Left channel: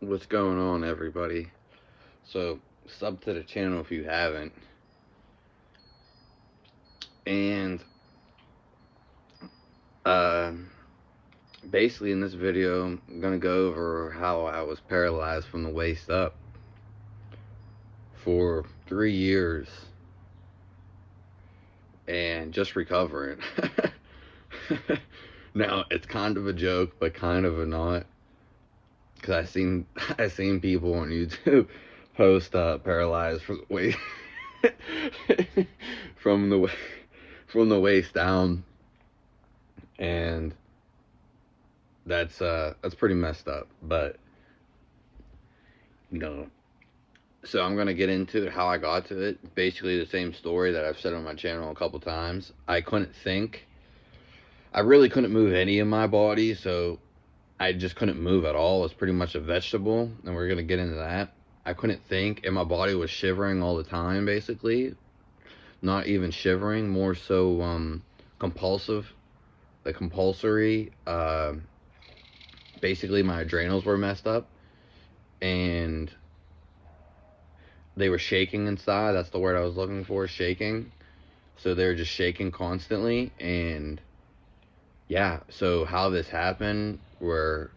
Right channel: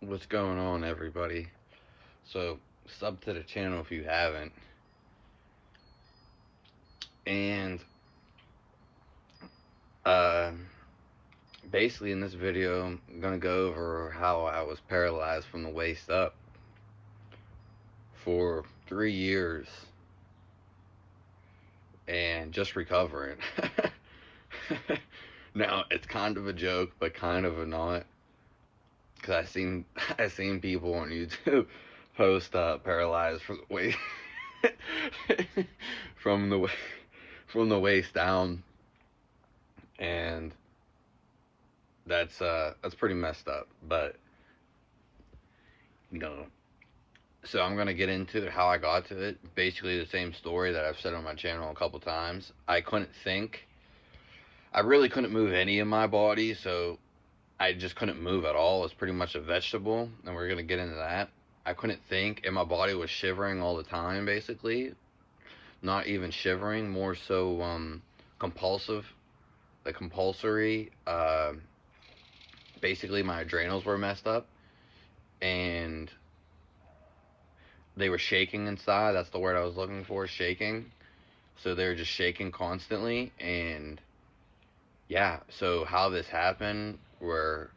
What's going on, everybody? So, sub to the channel if you haven't. And, uh, basically, in this video, I'm gonna go over how I was paralyzed from the waist up for 3 years and just recovering. Now, it's kind of a joke, but kind of a not. Because I seen people on YouTube post paralyzed from the waist from the from the waist down, and that's pretty messed up. But you know, so I'm gonna get into how I got to it. Basically, the same story that I've said on my channel a couple times. I couldn't think. I really couldn't move any of my body, so I just couldn't move at all. It was pretty much a vegetable, and we're gonna get into that. I couldn't think, and my body was shivering all the time, basically. Not even shivering, more so compulsive, like compulsory. Basically, my adrenals were messed up, and they were shaking inside. That's the word I was looking for, shaking. So they were just shaking constantly, and yeah. So how this happened were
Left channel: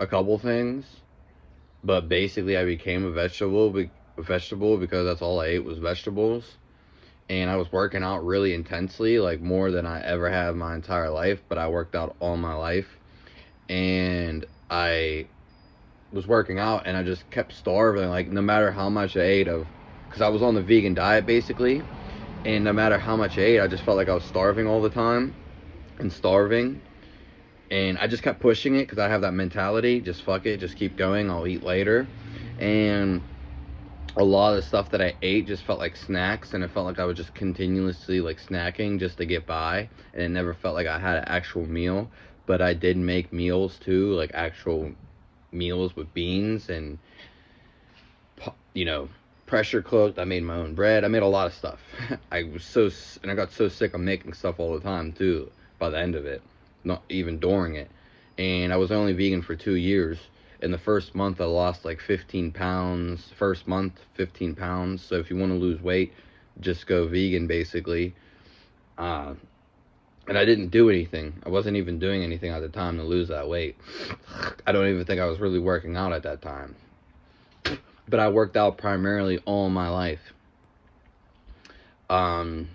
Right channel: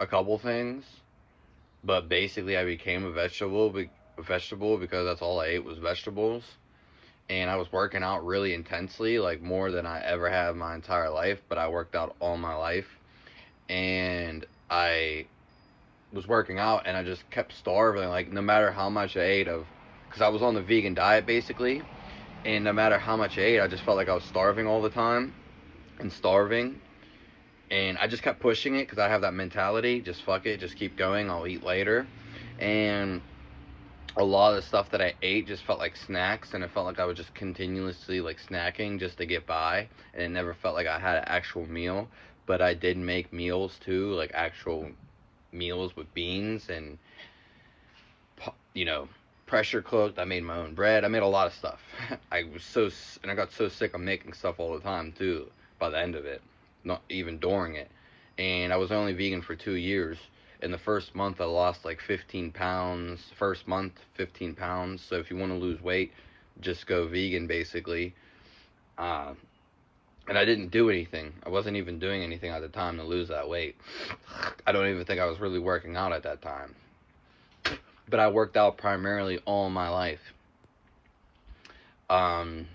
a couple things, but basically I became a vegetable because that's all I ate was vegetables, and I was working out really intensely, like more than I ever have my entire life. But I worked out all my life, and I was working out, and I just kept starving. Like no matter how much I ate of, because I was on the vegan diet basically, and no matter how much I ate, I just felt like I was starving all the time, and starving. And I just kept pushing it because I have that mentality, just fuck it, just keep going, I'll eat later. And a lot of the stuff that I ate just felt like snacks, and it felt like I was just continuously like snacking just to get by, and it never felt like I had an actual meal. But I did make meals too, like actual meals with beans and, you know, pressure cooked. I made my own bread. I made a lot of stuff. And I got so sick of making stuff all the time too by the end of it, not even during it. And I was only vegan for 2 years. In the first month, I lost like 15 pounds. First month, 15 pounds. So if you want to lose weight, just go vegan basically. Uh, and I didn't do anything. I wasn't even doing anything at the time to lose that weight. I don't even think I was really working out at that time. But I worked out primarily all my life. Um,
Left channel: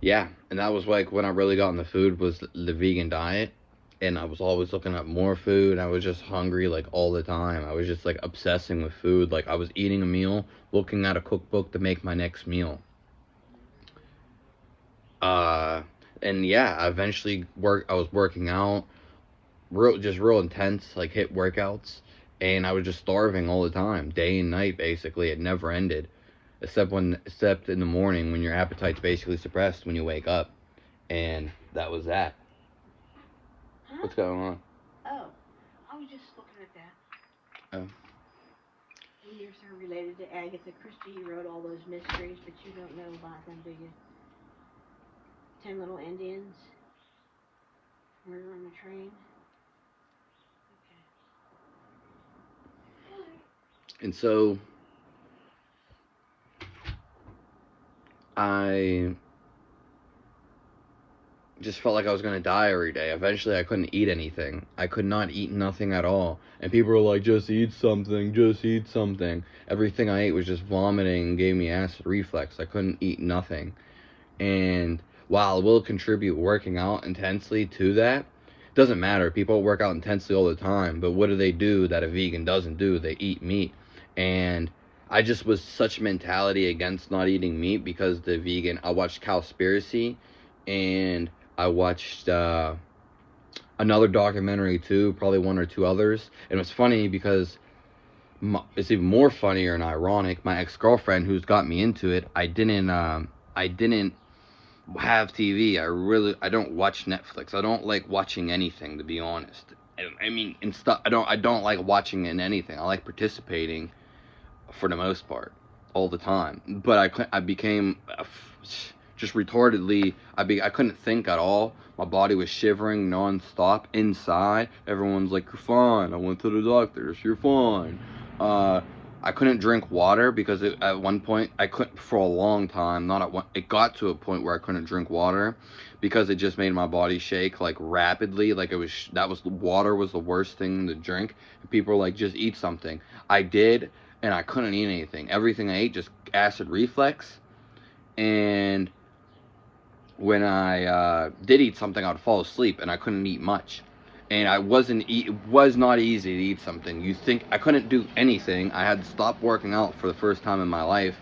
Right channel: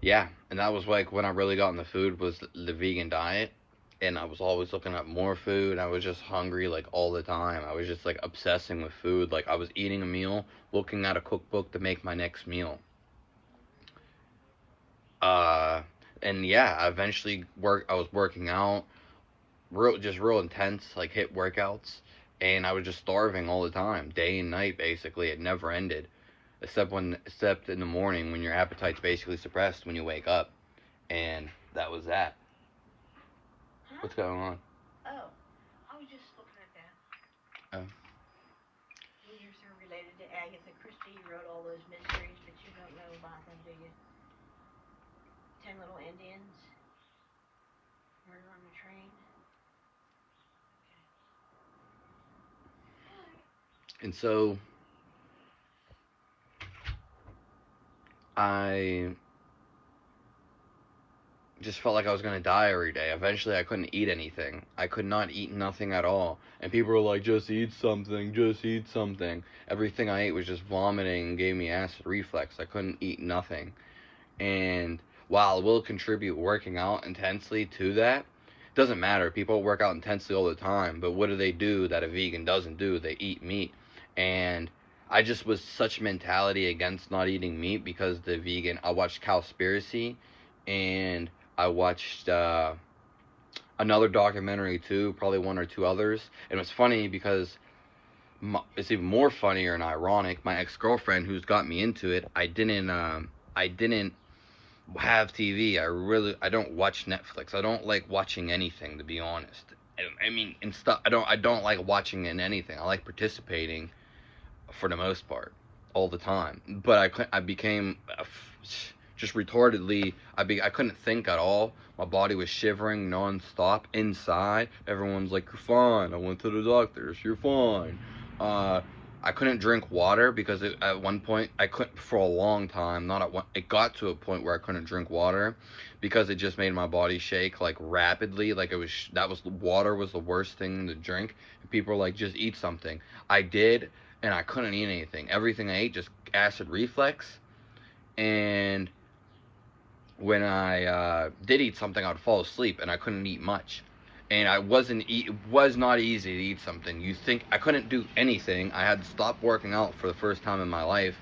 yeah, and that was like when I really got into food, was the vegan diet, and I was always looking at more food. I was just hungry like all the time. I was just like obsessing with food. Like I was eating a meal, looking at a cookbook to make my next meal. Uh, and yeah, I eventually I was working out, real intense, like hit workouts, and I was just starving all the time, day and night. Basically, it never ended, except in the morning when your appetite's basically suppressed when you wake up, and that was that. Huh? What's going on? Oh, I was just looking at that. Oh. Years are related to Agatha Christie. You wrote all those mysteries, but you don't know about them, do you? 10 Little Indians. Murder on the Train. And so I just felt like I was gonna die every day. Eventually, I couldn't eat anything. I could not eat nothing at all. And people were like, "Just eat something. Just eat something." Everything I ate was just vomiting and gave me acid reflux. I couldn't eat nothing. And while it will contribute working out intensely to that, it doesn't matter. People work out intensely all the time, but what do that a vegan doesn't do? They eat meat. And I just was such mentality against not eating meat because I watched Cowspiracy, and I watched another documentary too, probably one or two others. And it's funny because it's even more funnier and ironic. My ex-girlfriend, who's got me into it, I didn't have TV. I don't watch Netflix. I don't like watching anything, to be honest. I mean, in stuff, I don't like watching in anything. I like participating for the most part, all the time. But I became just retardedly. I couldn't think at all. My body was shivering non-stop inside. Everyone's like, you're fine. I went to the doctors. You're fine. I couldn't drink water because at one point, I couldn't for a long time. Not at one, it got to a point where I couldn't drink water because it just made my body shake like rapidly. Like water was the worst thing to drink. People were like, just eat something. I did, and I couldn't eat anything. Everything I ate just acid reflux. And when I did eat something, I'd fall asleep, and I couldn't eat much. And it was not easy to eat something. You think I couldn't do anything. I had to stop working out for the first time in my life.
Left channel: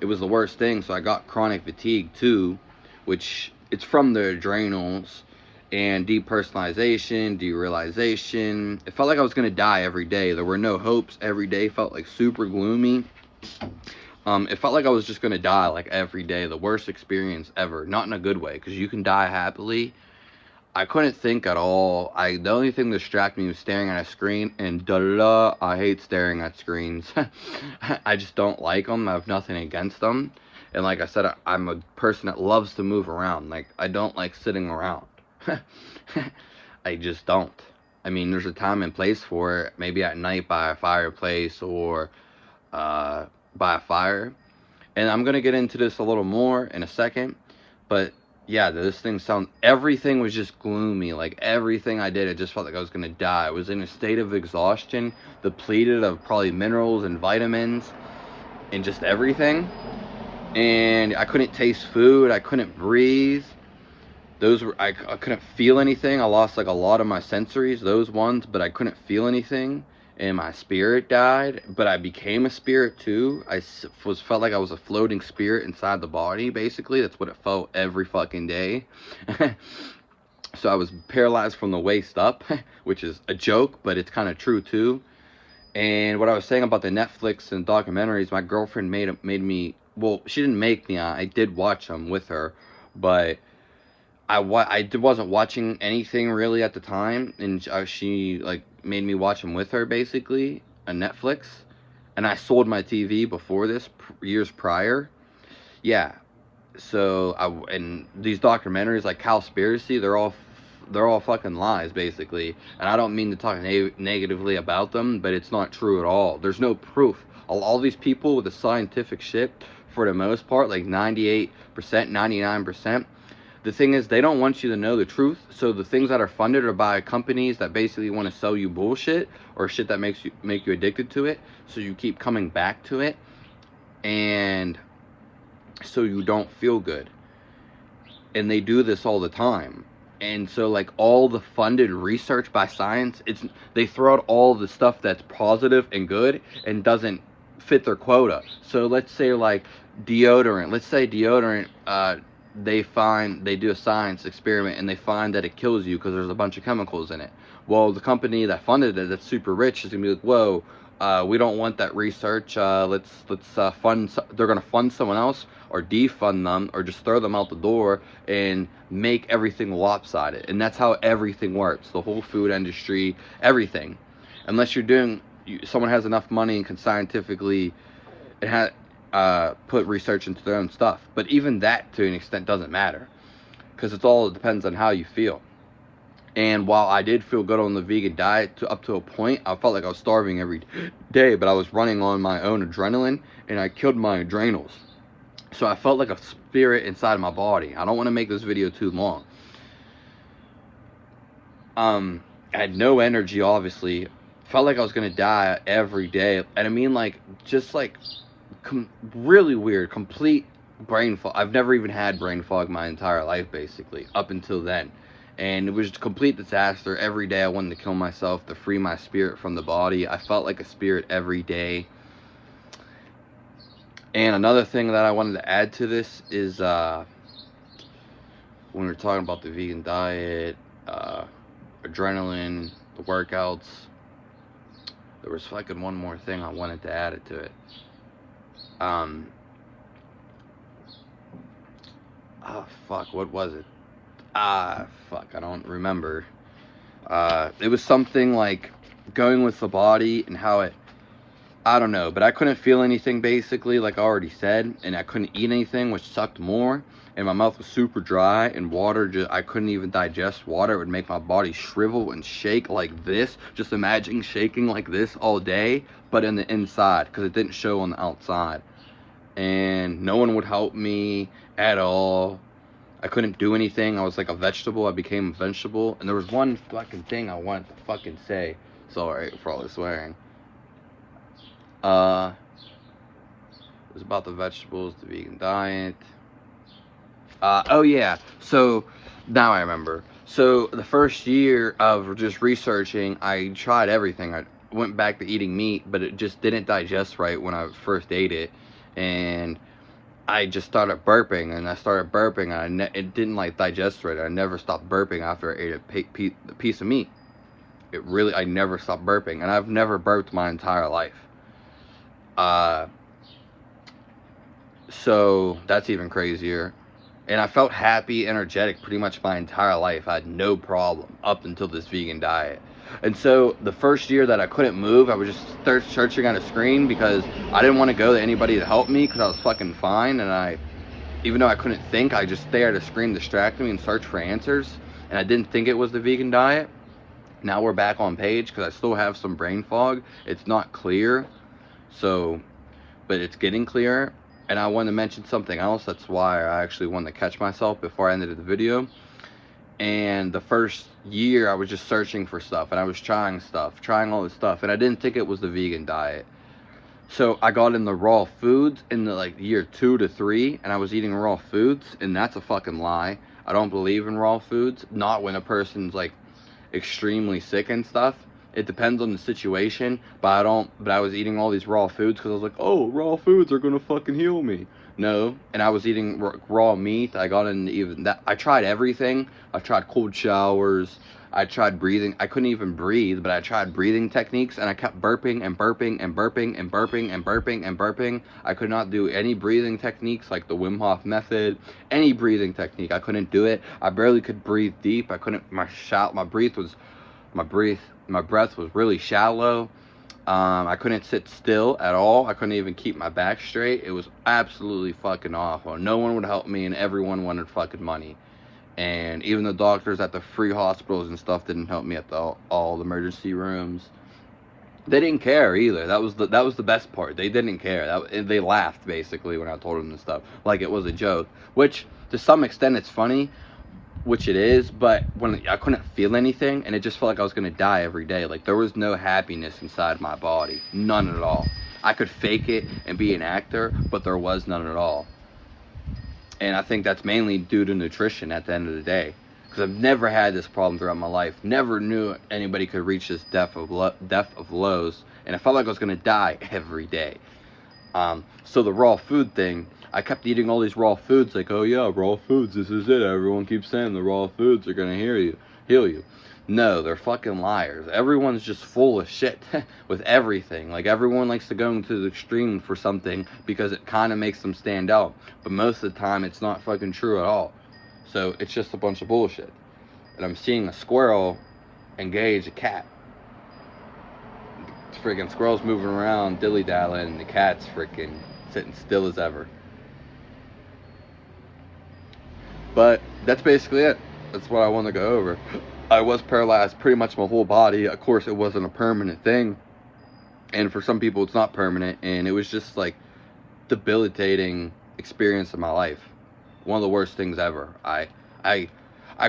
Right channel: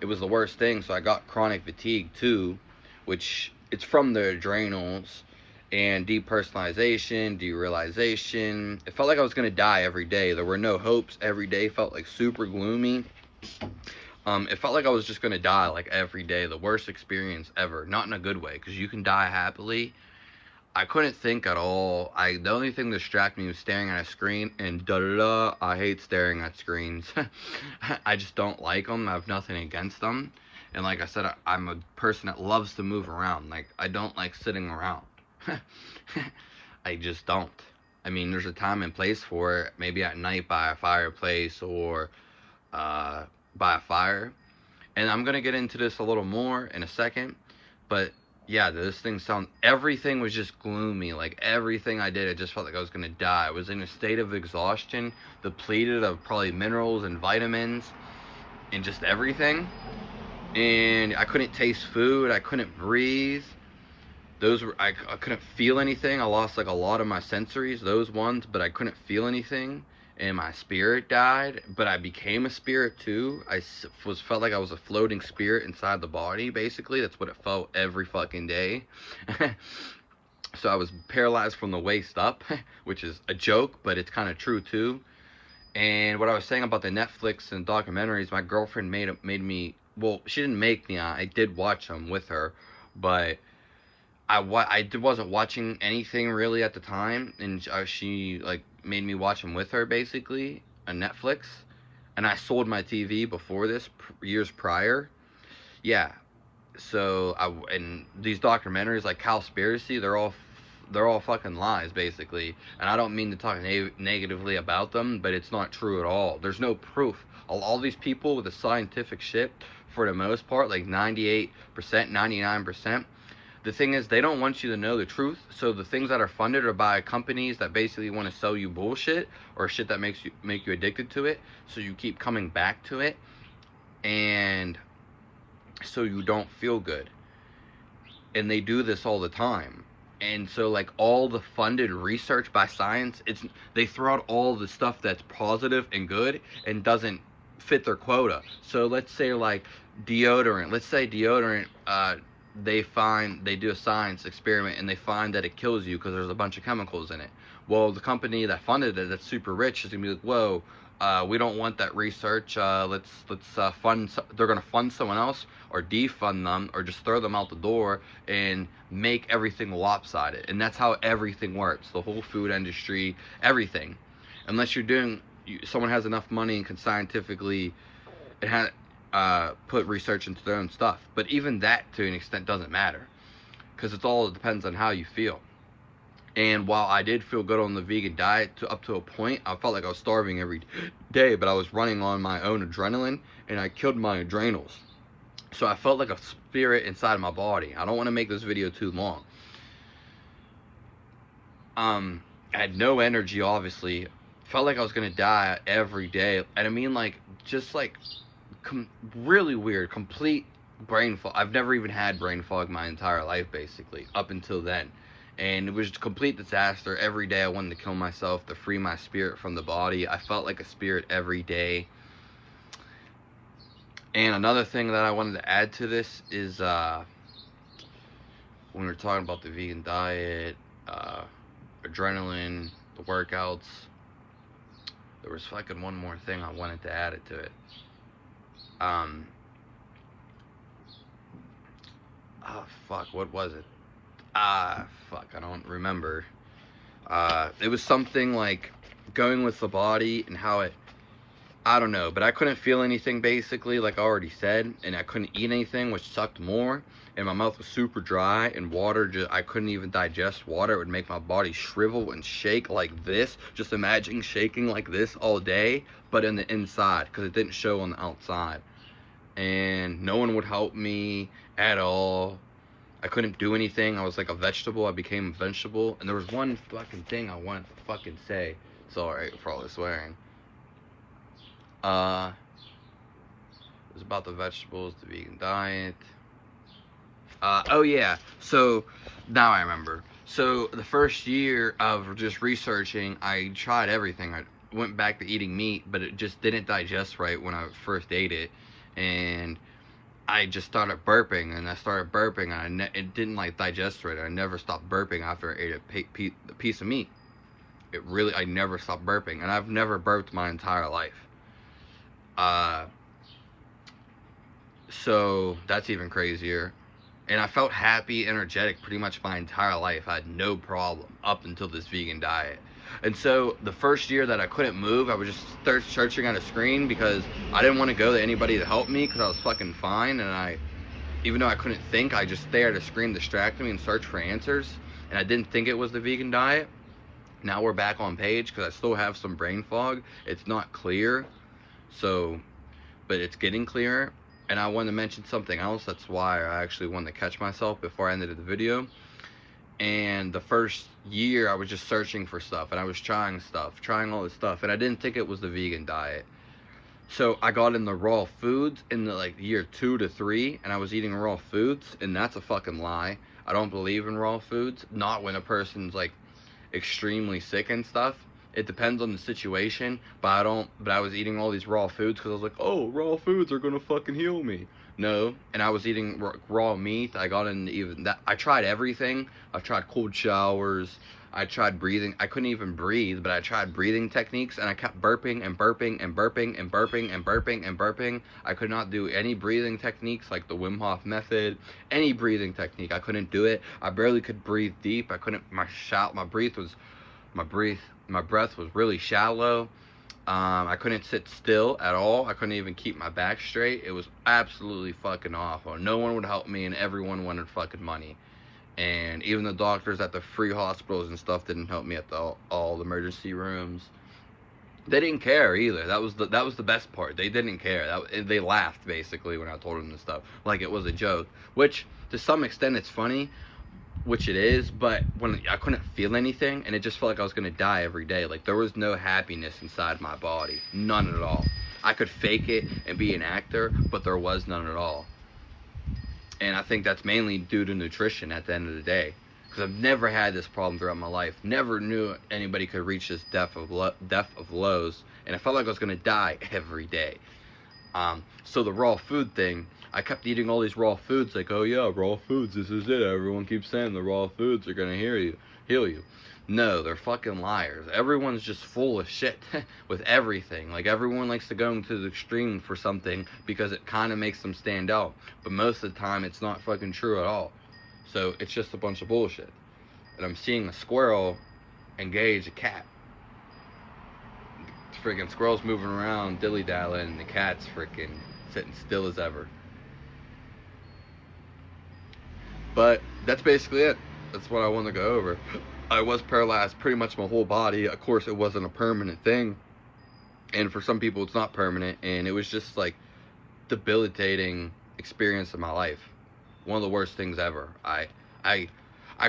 It was the worst thing. So I got chronic fatigue too, which it's from the adrenals and depersonalization, derealization. It felt like I was gonna die every day. There were no hopes. Every day felt like super gloomy. It felt like I was just gonna die like every day. The worst experience ever. Not in a good way, because you can die happily. I couldn't think at all. The only thing that distracted me was staring at a screen, and I hate staring at screens. I just don't like them. I have nothing against them. And like I said, I'm a person that loves to move around. Like, I don't like sitting around. I just don't. I mean, there's a time and place for it. Maybe at night by a fireplace or by a fire. And I'm going to get into this a little more in a second. But yeah, everything was just gloomy. Like, everything I did, it just felt like I was going to die. I was in a state of exhaustion, depleted of probably minerals and vitamins and just everything. And I couldn't taste food. I couldn't breathe. I couldn't feel anything. I lost like a lot of my sensories, those ones, but I couldn't feel anything. And my spirit died, but I became a spirit too. Felt like I was a floating spirit inside the body, basically. That's what it felt every fucking day. So I was paralyzed from the waist up, which is a joke, but it's kind of true too. And what I was saying about the Netflix and documentaries, my girlfriend made me, well, she didn't make me, I did watch them with her, but I wasn't watching anything really at the time, and she like made me watch them with her, basically, on Netflix. And I sold my TV before this, years prior. Yeah. So and these documentaries like Cowspiracy, they're all fucking lies, basically. And I don't mean to talk negatively about them, but it's not true at all. There's no proof. All these people with the scientific shit, for the most part, like 98%, 99%. The thing is, they don't want you to know the truth. So the things that are funded are by companies that basically want to sell you bullshit or shit that make you addicted to it. So you keep coming back to it, and so you don't feel good. And they do this all the time. And so like all the funded research by science, they throw out all the stuff that's positive and good and doesn't fit their quota. So let's say like deodorant. Let's say deodorant. They do a science experiment and they find that it kills you because there's a bunch of chemicals in it. Well, the company that funded it, that's super rich, is gonna be like, whoa, we don't want that research. Let's fund. They're gonna fund someone else or defund them or just throw them out the door and make everything lopsided. And that's how everything works. The whole food industry, everything. Unless someone has enough money and can scientifically, put research into their own stuff. But even that, to an extent, doesn't matter, because it depends on how you feel. And while I did feel good on the vegan diet up to a point, I felt like I was starving every day, but I was running on my own adrenaline, and I killed my adrenals. So I felt like a spirit inside my body. I don't want to make this video too long. I had no energy, obviously. Felt like I was going to die every day. And I mean, like, just like really weird, complete brain fog. I've never even had brain fog my entire life, basically, up until then. And it was a complete disaster. Every day I wanted to kill myself to free my spirit from the body. I felt like a spirit every day. And another thing that I wanted to add to this is when we were talking about the vegan diet, adrenaline, the workouts, there was fucking one more thing I wanted to add to it. Fuck, what was it? Fuck, I don't remember. It was something like going with the body and how I don't know, but I couldn't feel anything, basically, like I already said, and I couldn't eat anything, which sucked more. and my mouth was super dry, and water just, I couldn't even digest water. It would make my body shrivel and shake like this. Just imagine shaking like this all day, but in the inside, because it didn't show on the outside. And no one would help me at all. I couldn't do anything. I was like a vegetable. I became a vegetable. And there was one fucking thing I wanted to fucking say. Sorry for all the swearing. It was about the vegetables, the vegan diet. Oh yeah. So now I remember. So the first year of just researching, I tried everything. I went back to eating meat, but it just didn't digest right when I first ate it, and I just started burping, and I started burping, and it didn't like digest right. I never stopped burping after I ate a piece of meat. I never stopped burping, and I've never burped my entire life. So that's even crazier. And I felt happy, energetic pretty much my entire life. I had no problem up until this vegan diet. And so the first year that I couldn't move, I would just start searching on a screen because I didn't want to go to anybody to help me because I was fucking fine. And even though I couldn't think, I just stared at a screen, distract me, and search for answers. And I didn't think it was the vegan diet. Now we're back on page because I still have some brain fog. It's not clear, but it's getting clearer. And I wanted to mention something else. That's why I actually wanted to catch myself before I ended the video. And the first year, I was just searching for stuff, and I was trying all this stuff, and I didn't think it was the vegan diet. So I got in the raw foods in the like year 2 to 3, and I was eating raw foods, and that's a fucking lie. I don't believe in raw foods. Not when a person's like extremely sick and stuff. It depends on the situation, but I was eating all these raw foods because I was like, oh, raw foods are gonna fucking heal me. No, and I was eating raw meat. I got into even that. I tried everything. I tried cold showers. I tried breathing. I couldn't even breathe, but I tried breathing techniques, and I kept burping and burping and burping and burping and burping and burping. I could not do any breathing techniques like the Wim Hof method. Any breathing technique, I couldn't do it. I barely could breathe deep. I couldn't. My breath was really shallow. I couldn't sit still at all. I couldn't even keep my back straight. It was absolutely fucking awful. No one would help me, and everyone wanted fucking money. And even the doctors at the free hospitals and stuff didn't help me at all the emergency rooms. They didn't care either. That was the best part. They didn't care. They laughed basically when I told them this stuff, like it was a joke. Which to some extent it's funny, which it is, but when I couldn't feel anything, and it just felt like I was gonna die every day. Like there was no happiness inside my body, none at all. I could fake it and be an actor, but there was none at all. And I think that's mainly due to nutrition at the end of the day, because I've never had this problem throughout my life. Never knew anybody could reach this depth of lows, and I felt like I was gonna die every day. So the raw food thing, I kept eating all these raw foods, like, oh yeah, raw foods, this is it. Everyone keeps saying the raw foods are gonna heal you. No, they're fucking liars. Everyone's just full of shit with everything. Like, everyone likes to go into the extreme for something because it kind of makes them stand out. But most of the time, it's not fucking true at all. So, it's just a bunch of bullshit. And I'm seeing a squirrel engage a cat. The freaking squirrel's moving around, dilly-dallying, and the cat's freaking sitting still as ever. But that's basically it. That's what I want to go over. I was paralyzed pretty much my whole body. Of course, it wasn't a permanent thing. And for some people, it's not permanent. And it was just like debilitating experience of my life. One of the worst things ever. I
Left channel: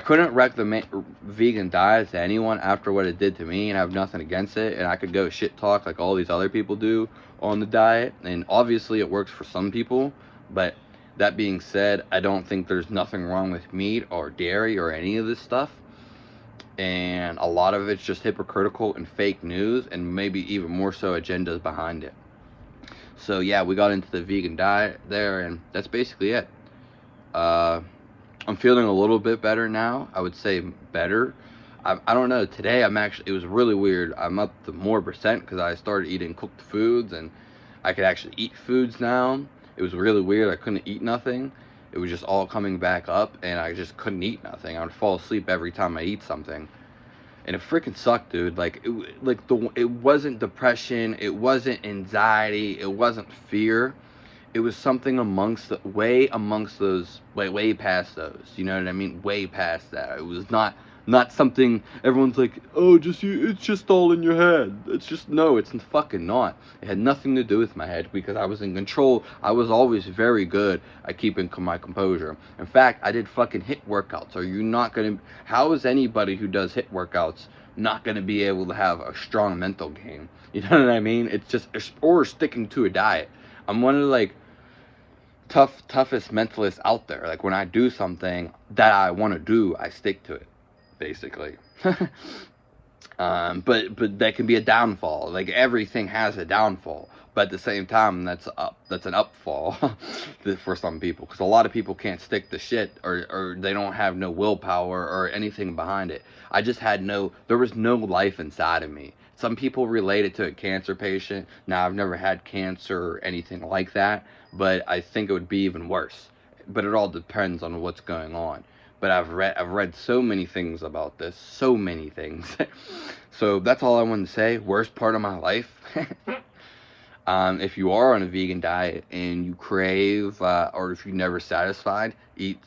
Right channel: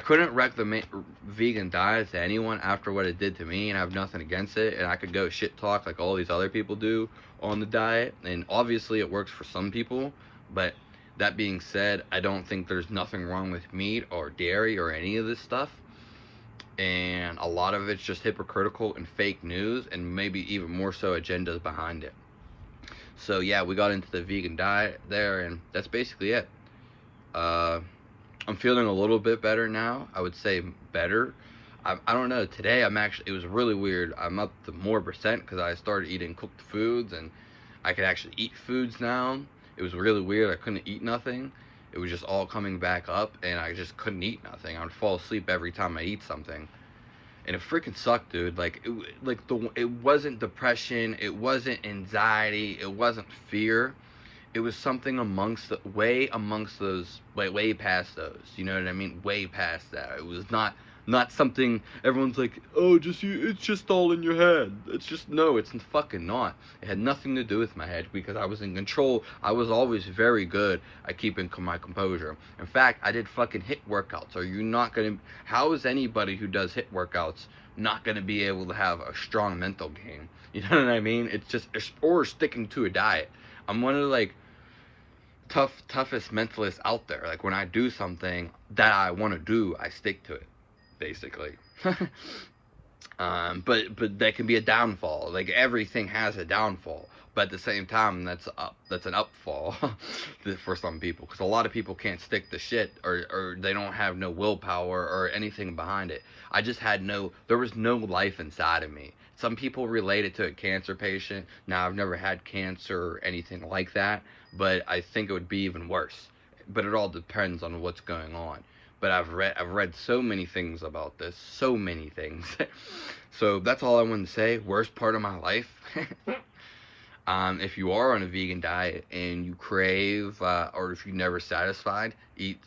couldn't recommend vegan diet to anyone after what it did to me, and I have nothing against it. And I could go shit talk like all these other people do on the diet. And obviously, it works for some people, but that being said, I don't think there's nothing wrong with meat or dairy or any of this stuff. And a lot of it's just hypocritical and fake news, and maybe even more so agendas behind it. So yeah, we got into the vegan diet there, and that's basically it. I'm feeling a little bit better now. I would say better. I don't know. Today it was really weird. I'm up to more percent because I started eating cooked foods, and I could actually eat foods now. It was really weird. I couldn't eat nothing. It was just all coming back up, and I just couldn't eat nothing. I would fall asleep every time I eat something, and it freaking sucked, dude. It wasn't depression, it wasn't anxiety, it wasn't fear. it was something amongst those, way past those. You know what I mean? Way past that. It was not something everyone's like, oh, it's just all in your head. It's just, no, it's fucking not. It had nothing to do with my head because I was in control. I was always very good at keeping my composure. In fact, I did fucking HIIT workouts. Are you not gonna? How is anybody who does HIIT workouts not gonna be able to have a strong mental game? You know what I mean? It's just, or sticking to a diet. I'm one of the toughest mentalists out there. Like when I do something that I want to do, I stick to it, basically. But that can be a downfall. Like everything has a downfall, but at the same time, that's an upfall for some people, because a lot of people can't stick to shit, or they don't have no willpower or anything behind it. There was no life inside of me. Some people relate it to a cancer patient. Now, I've never had cancer or anything like that, but I think it would be even worse. But it all depends on what's going on. But I've read so many things about this, so many things. So that's all I wanted to say. Worst part of my life. If you are on a vegan diet and you crave, or if you're never satisfied, eat.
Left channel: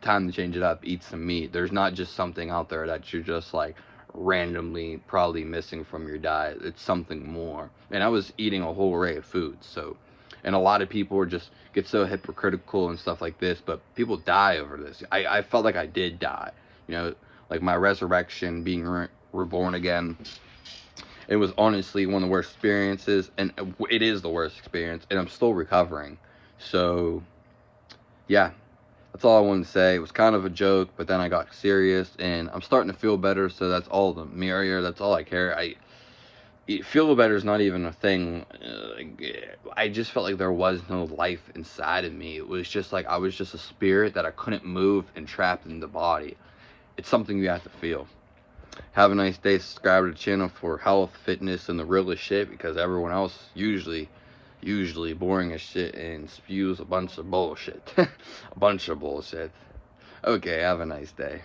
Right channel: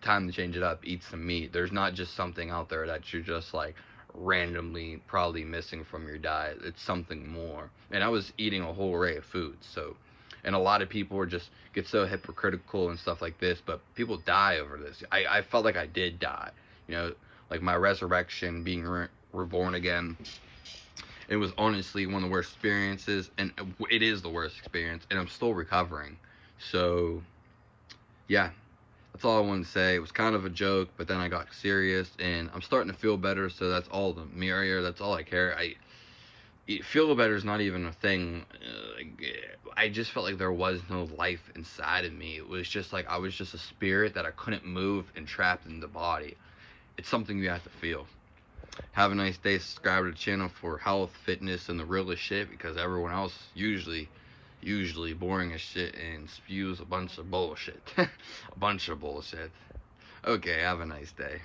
Time to change it up. Eat some meat. There's not just something out there that you're just like randomly probably missing from your diet. It's something more. And I was eating a whole array of foods, so. And a lot of people are just get so hypocritical and stuff like this, but people die over this. I felt like I did die, you know, like my resurrection, being reborn again. It was honestly one of the worst experiences, and it is the worst experience, and I'm still recovering. So, yeah, that's all I wanted to say. It was kind of a joke, but then I got serious, and I'm starting to feel better, so that's all the merrier. That's all I care. Feel better is not even a thing. I just felt like there was no life inside of me. It was just like I was just a spirit that I couldn't move and trapped in the body. It's something you have to feel. Have a nice day. Subscribe to the channel for health, fitness, and the realest shit, because everyone else usually boring as shit and spews a bunch of bullshit. A bunch of bullshit. Okay, have a nice day.